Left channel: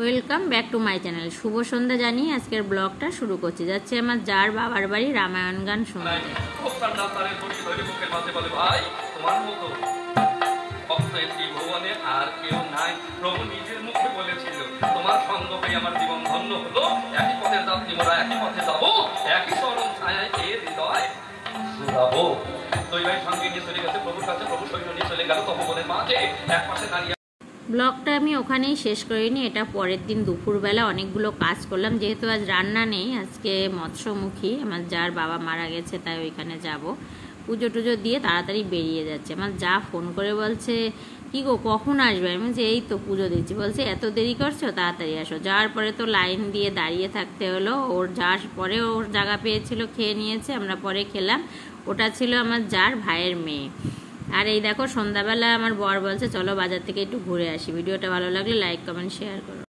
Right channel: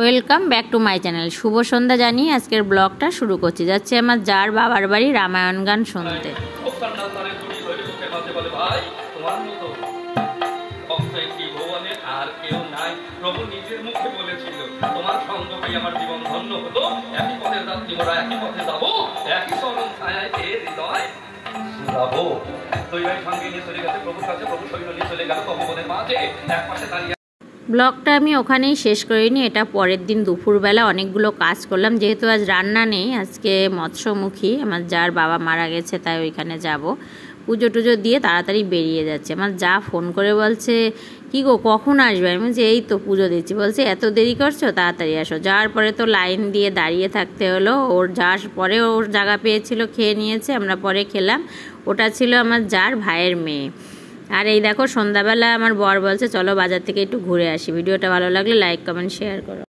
Welcome back to my channel. শুভ সন্ধ্যা জানিয়ে আজকের ব্লগটা শুরু করছি। যাচ্ছে আমার যার বাবার বাড়ি রামায়ণ গান শুনতে। আর কেউ নাই, প্রভু নিজের মুখে বলেছিল তোমার সঙ্গ পেয়ে আমার জীবন ধন্য হলো। একই পথের যাত্রী মোরা, একই পথে যাবো, একই চরণ ছায়ায় এর হৃদয় শুধাবো। দৈবাই সঙ্গে নিয়ে চলে গেছে প্রভুর কাছে, প্রভু সৈন্য নিয়ে চলে গেল তপবনের মাঝে। এক পাশে দাঁড়িয়ে ব্লগটা আমি ওখানেই শেষ করিনি, এটা পরের দিন দুপুরবেলা অনেকগুলো কাজ করলাম। যেহেতু আজ রান্না নেই, আজকে মৎস্যমুখী, আমার যার বাবা মারা গেছে, তাই ওইখানে যাব। পুজো টুজো দিয়ে তাড়াতাড়ি বেরিয়ে যাচ্ছে। আমার যা ফোন করে বলছে কী গো কখন আসবে? আমি বলছি এই তো পুজো দিচ্ছি। বলছে এত দেরি করছো, তাড়াতাড়ি আসো। যাওয়ার পরে তো লাইন দিয়ে দাঁড়িয়ে থাকতে হলো। ওর যাওয়ার পরে ওর জায়গা পেয়েছিল, খেয়ে নিয়েছে, আমরা পরে খেলাম। ওটা ছিল আমার যার ভাইয়ের মেয়ে। আর এই দেখো সন্ধ্যাবেলা আমার বর বলছে চলো বাজার থেকে একটু ঘুরে আসি। ভিডিওটা ভালো লাগলে লাইক কমেন্ট শেয়ার করো।